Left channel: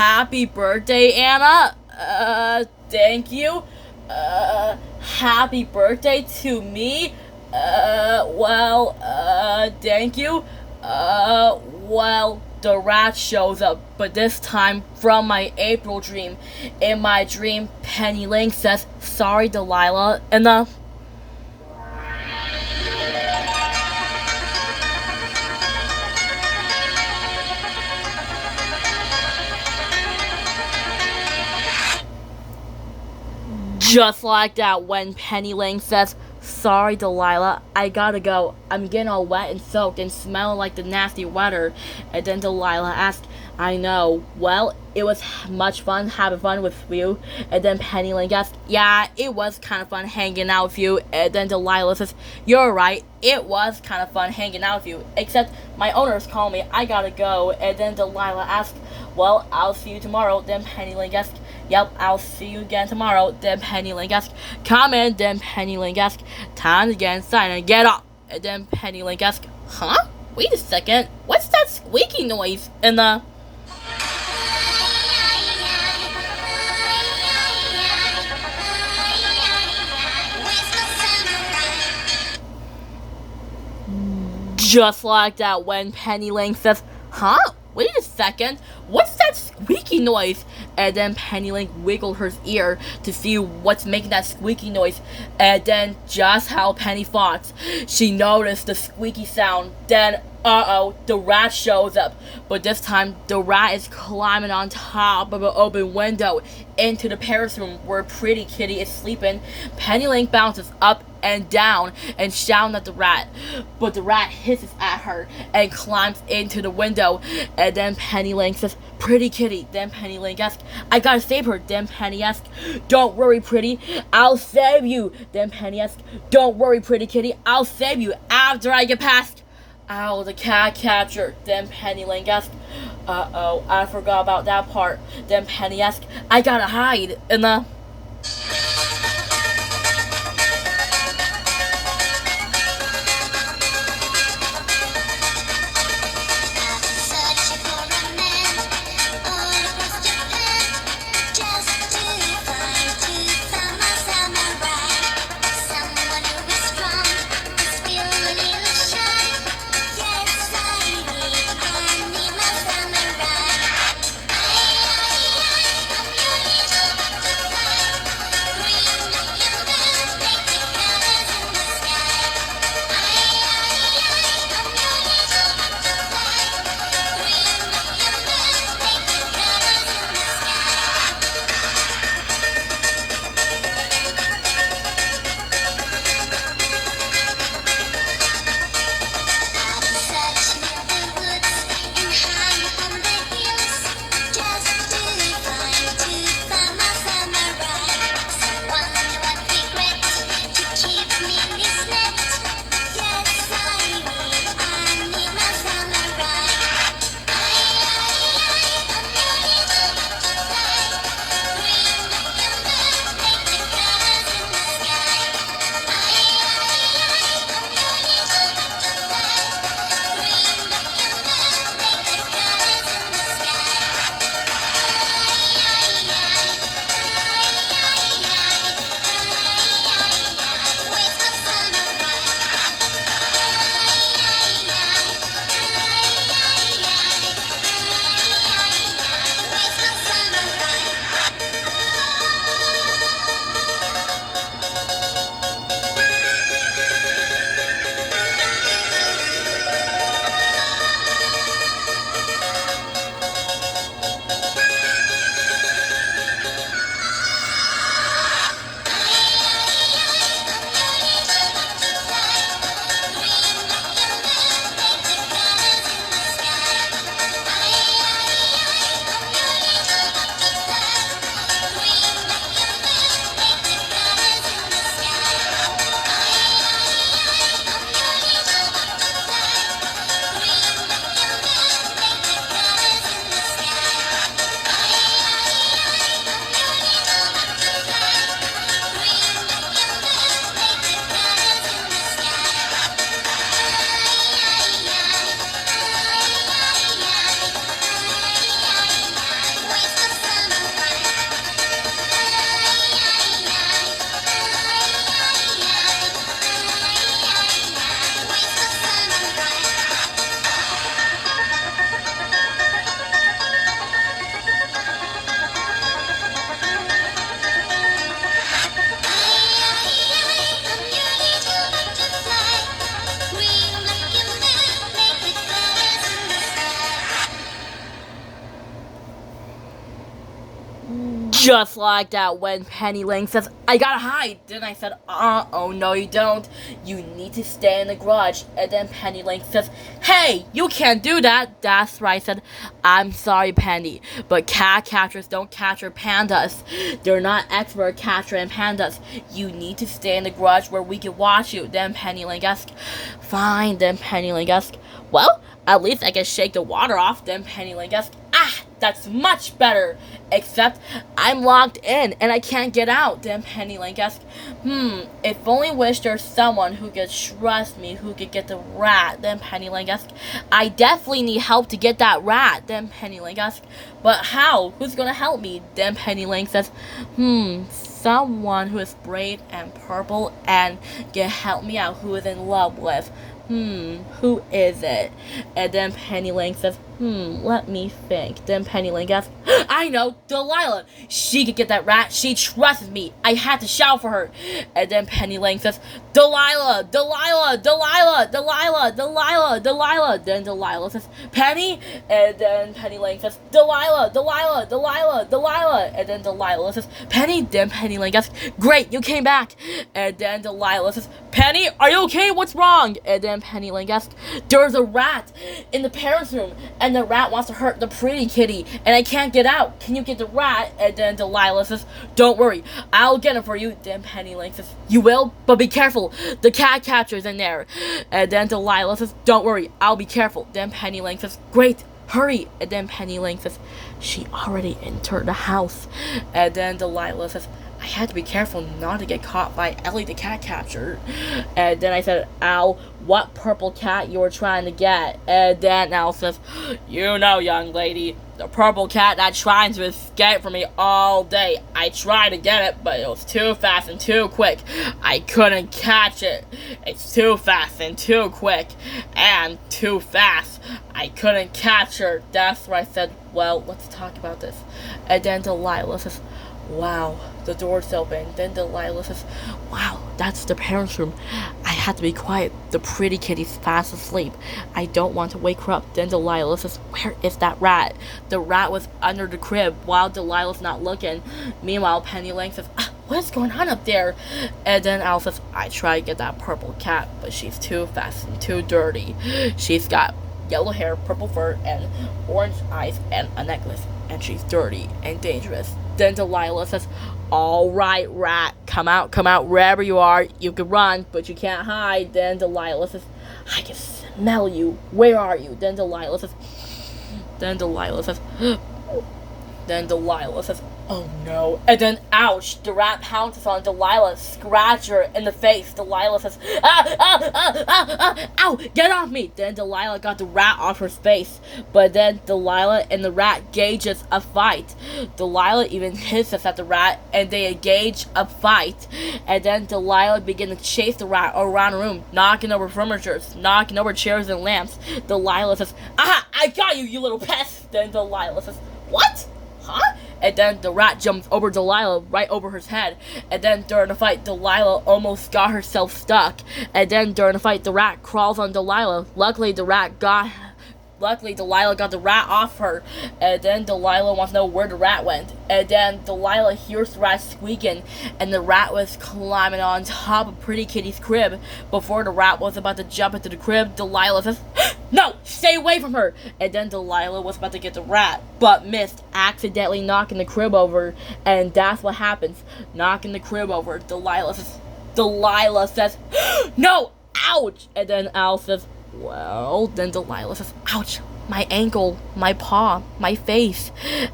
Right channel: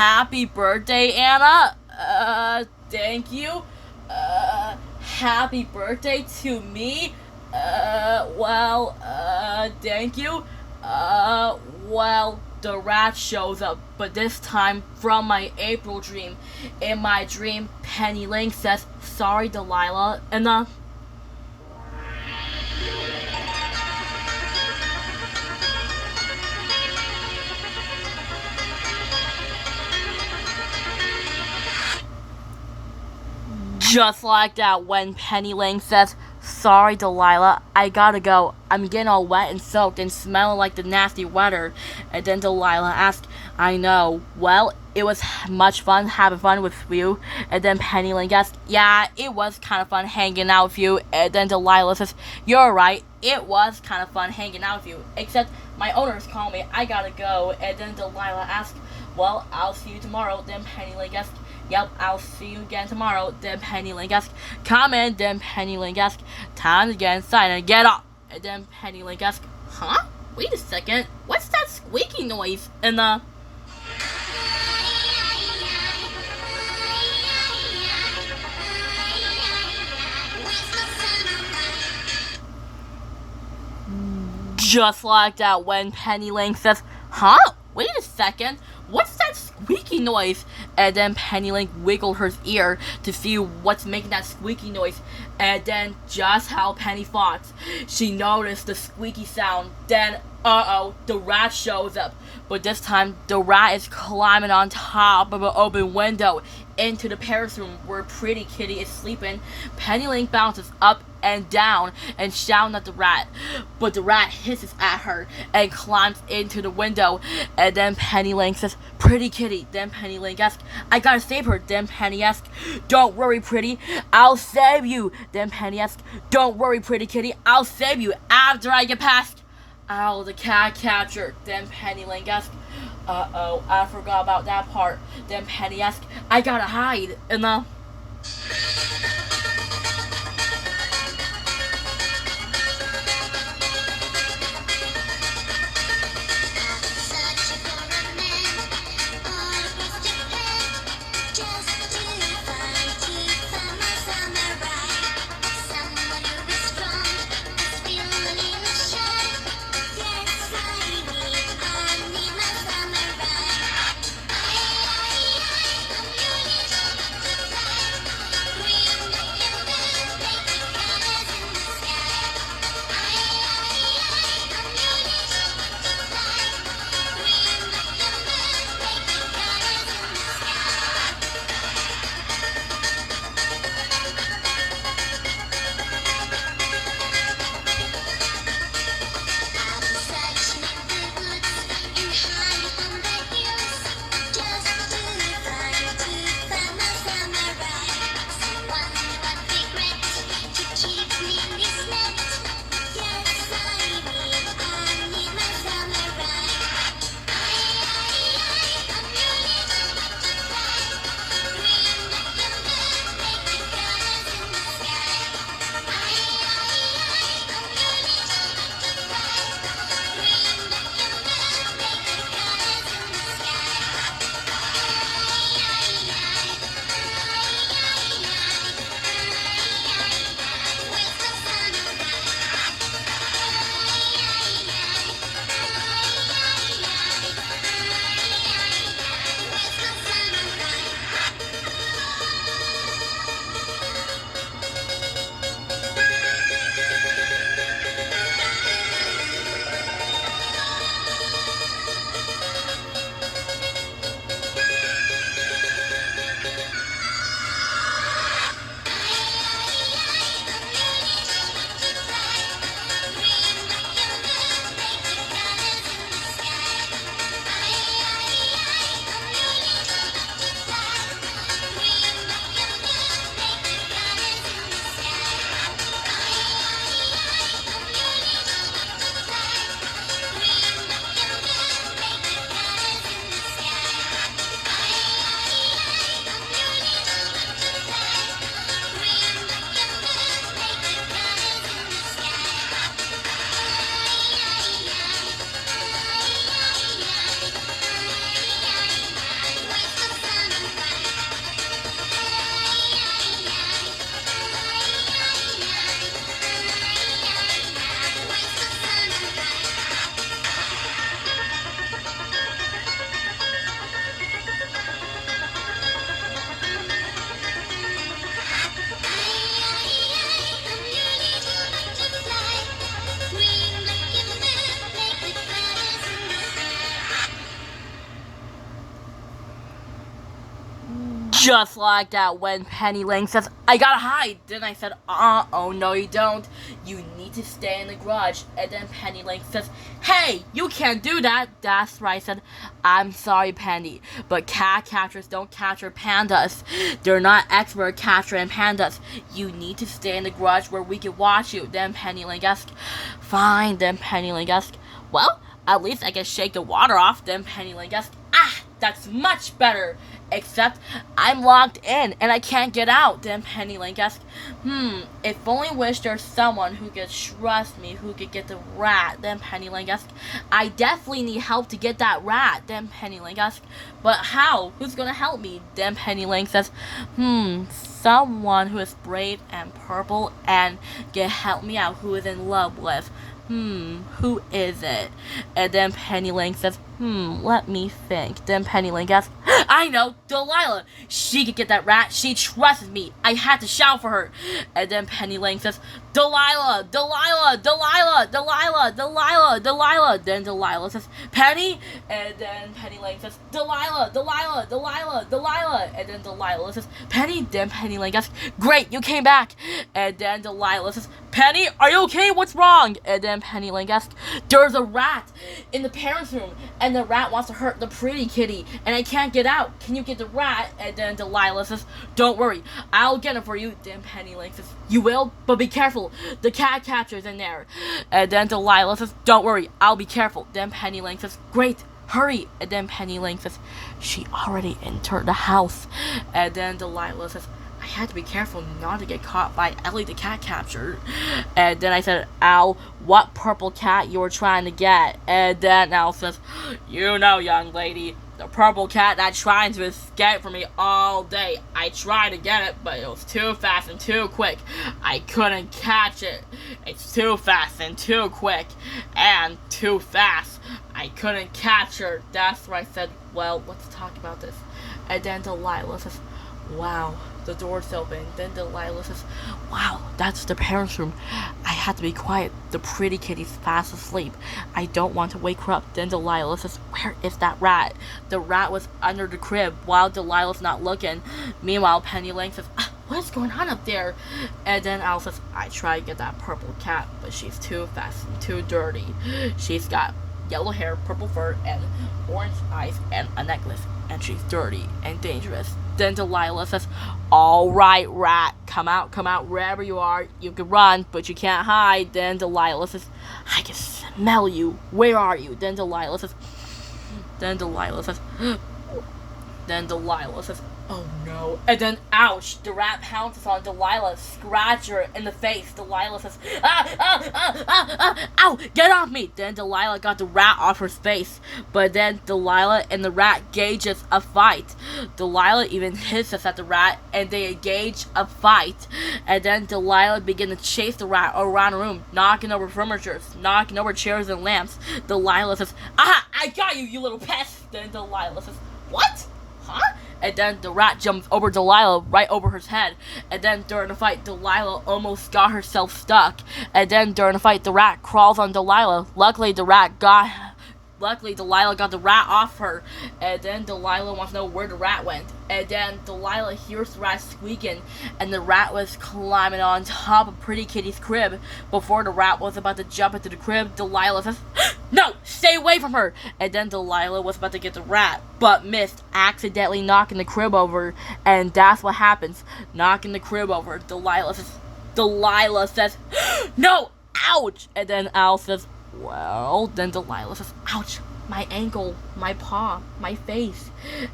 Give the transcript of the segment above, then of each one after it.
happy birthday, Anna. Thank you. Happy birthday to me. Thank you. The rat shows up, but this time from my April dream. In my dream, Penny Lane says, "Sorry, Delilah," and just like that, when Penny Lane says, "Sorry, Delilah, I gotta go. I'm getting all wet and soaked and smelling like the nasty weather." And then Delilah asks, "I know. Well, it was much fun having fun with you." And then Penny Lane asks, "Yeah, it was kind of fun hanging out with you." And then Delilah says, "You're right. It was kind of fun hanging out with you. Except my owners call me. I gotta go." And then Delilah asks, "Well, I'll see you tomorrow." Then Penny Lane asks, "Yep, I'll see you again tomorrow." Then Penny Lane asks, "Come in." Then Penny Lane asks, "Time to get inside and get up." And then Penny Lane asks, "Huh? Wait a second. What's that squeaky noise?" And just like that, when Penny Lane says, "Huh? Wait a second. What's that squeaky noise?" And then Penny Lane wiggled her ear to see what's making that squeaky noise. And then, just how Penny thought, she noticed the squeaky sound. Then, the rat shows up. But this time, the rat is climbing on top of an open window into the Paris room where Pretty Kitty is sleeping. Penny Lane bounces up and down and shouting at the rat, but the rat hisses at her and climbs into the window. And then Penny Lane says, "Pretty Kitty." Then Penny Lane asks, "I gotta save her." Then Penny asks, "Don't worry, Pretty, I'll save you." Then Penny asks, "Don't worry, Pretty Kitty, I'll save you after I get past Owl the cat catcher." Then Penny Lane asks, I forgot about that part." Then Penny asks, "I gotta hide." And Just like that, when Penny Lane says, I gotta hide. Then I said, oh no you don't. You need to stay in the garage. And then Penny Lane says, hey, you can't do that. That's right, I said, I'm sorry, Penny, but cat catchers don't capture pandas. They're not expert capturing pandas. You need to stay in the garage where we can watch you. Then Penny Lane asked, fine. Then Penny Lane asked, well, at least I can shake the water off. Then Penny Lane asked, that's much better. Except I'm locked in and I can't get out. Then Penny Lane asked, if only wish there's someone who could trust me, who could get the rat. Then Penny Lane asked, I definitely need help to get that rat. Then Penny Lane asked, but how? Who's gonna help me? Then Penny Lane says, someone who is brave and purple and can help me out, who is in love with. Who is it? And then Penny Lane says, let me think. Then Penny Lane asks, I know, Delilah. She could get that rat. She trusts me. I had to shout for her. And then Penny Lane says, Delilah, Delilah, Delilah, Delilah, Delilah, Delilah. Then Delilah says, Penny. And then Penny Lane says, Delilah, Delilah, Delilah, Delilah. And then Delilah says, Penny. Then Penny Lane asks, great, you came back. And then Delilah says, Penny, are you okay? What's wrong? And then Penny Lane asks, there's a rat in the parents' room, and the rat wants to hurt the pretty kitty, and I can't get out. Can you get the rat? And then Delilah says, don't worry, I'll get it for you. Then Penny Lane says, you will? But be careful, the cat catcher's in there. And then Delilah says, don't worry, I'll be careful. Then Penny Lane says, great, hurry. And then Penny Lane says, she already entered the house. And then Delilah says, I had to be careful not to get caught by Ellie the cat catcher. And then I said, Al, what purple cat you were trying to get? And then Al says, you know, young lady, the purple cat that's trying to escape from me all day. I tried to get it, but it was too fast and too quick. I couldn't catch it. It's too fast and too quick and too fast. I couldn't catch her. That's why I said, well, let's talk about this. And then Delilah says, wow, the door's open. Then Delilah says, wow, that's the parents' room. I had to be quiet. The pretty kitty's fast asleep. I don't want to wake her up. Then Delilah says, where is that rat? The rat was under the crib while Delilah's not looking. Meanwhile, Penny Lane says, what is going on up there? And then Al says, I tried to get that purple cat, but she's too fast and too dirty. She's got yellow hair, purple fur, and orange eyes, and a necklace. And she's dirty and dangerous. Then Delilah says, all right, rat, come out wherever you are. You can run, but you can't hide. Then Delilah says, I can smell you. Where are you? Then Delilah says, oh no. And then, ouch, the rat pounces on Delilah, scratch her in the face. Delilah says, ow, get off me. Then Delilah got the rat off her face. But then Delilah and the rat gauges a fight. Delilah even hisses at the rat, and they engage a fight. And then Delilah began to chase the rat around the room, knocking over furniture, knocking over chairs and lamps. Delilah says, aha, I got you, you little pest. Then Delilah says, what? Huh? And then the rat jumps over Delilah right over her head. And then during the fight, Delilah almost got herself stuck. And then during the fight, the rat crawls on Delilah. Luckily, Delilah got the rat off her. And then Delilah wants to know where the rat went. And then Delilah hears the rat squeaking, and the rat was climbing on top of Pretty Kitty's crib. Before the rat was about to jump into the crib, Delilah says, no, stay away from her. And then Delilah was about to get the rat, but missed, accidentally knocking the crib over. And that's what happens, knocking the crib over. Delilah says, no, ouch. And then Al says, well. Then Delilah says, ouch, my ankle, my paw, my face.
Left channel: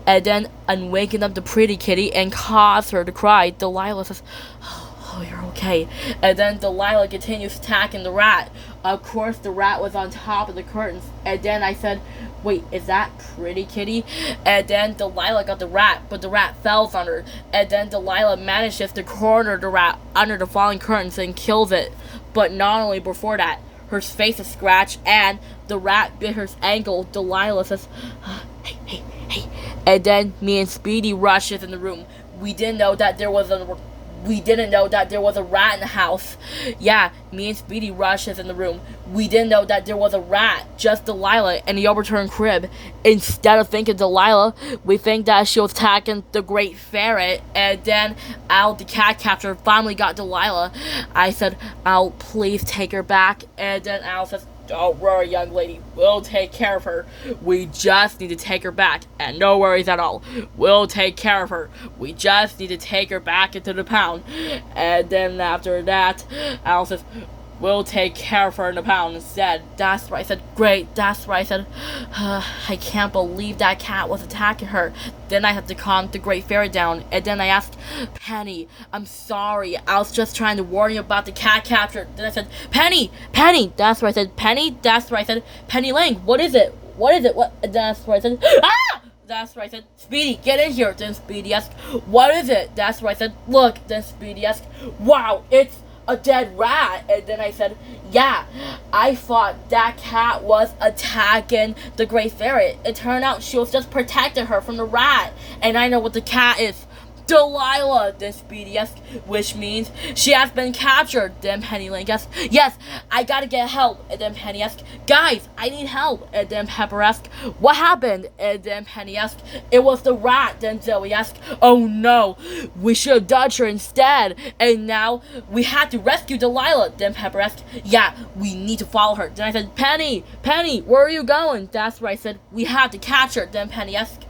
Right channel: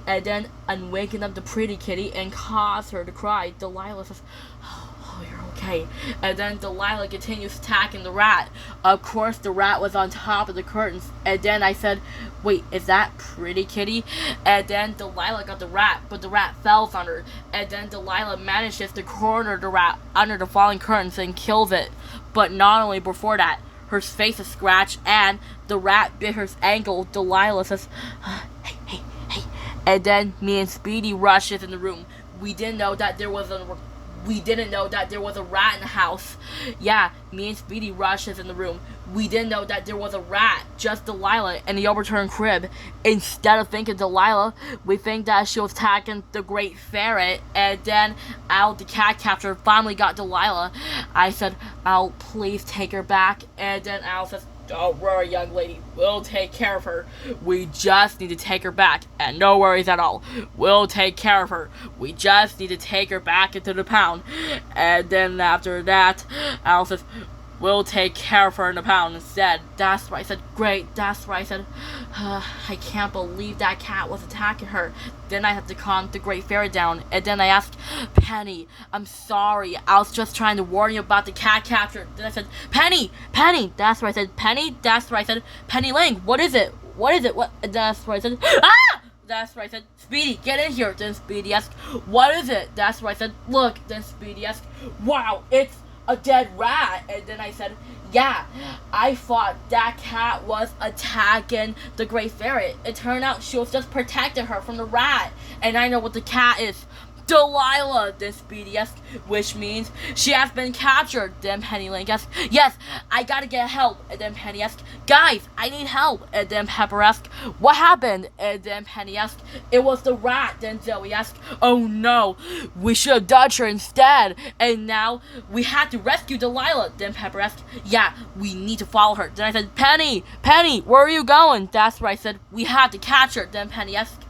And then waking up the Pretty Kitty and cause her to cry. Delilah says, oh, you're okay. And then Delilah continues attacking the rat. Of course, the rat was on top of the curtains. And then I said, wait, is that Pretty Kitty? And then Delilah got the rat, but the rat falls on her. And then Delilah manages to corner the rat under the falling curtains and kills it. But not only before that, her face is scratched, and the rat bit her ankle. Delilah says, hey. And then me and Speedy rushes in the room. We didn't know that there was a rat in the house. Yeah, me and Speedy rushes in the room. we didn't know that there was a rat, just Delilah in the overturned crib. Instead of thinking Delilah, we think that she was attacking the Great Ferret, and then Al, the cat captor, finally got Delilah. I said, Al, please take her back, and then Al says, don't worry, young lady, we'll take care of her. We just need to take her back, and no worries at all. We'll take care of her. We just need to take her back into the pound. And then after that, Al says, we'll take care of her in the pound instead. That's right. I said, great. That's right. I said, I can't believe that cat was attacking her. Then I had to calm the Great Fairy down. And then I asked, Penny, I'm sorry. I was just trying to warn you about the cat capture. Then I said, Penny, that's right. I said, Penny, that's right. I said, Penny Lang, what is it? What is it? What? That's right. I said, ah! That's right, I said, Speedy, get in here. Then Speedy asked, what is it? That's right, I said, look. Then Speedy asked, wow, it's a dead rat. And then I said, yeah, I thought that cat was attacking the Great Ferret. It turned out she was just protecting her from the rat. And I know what the cat is. Delilah, then Speedy asked, which means she has been captured. Then Penny Lane asked, yes, I gotta get help. And then Penny asked, guys, I need help. And then Pepper asked, what happened? And then Penny asked, it was the rat. Then Zoe asked, oh no, we should have dodged her instead. And now we had to rescue Delilah. Then Pepper asked, yeah, we need to follow her. Then I said, Penny, where are you going? That's right, I said, we have to catch her. Then Penny asked,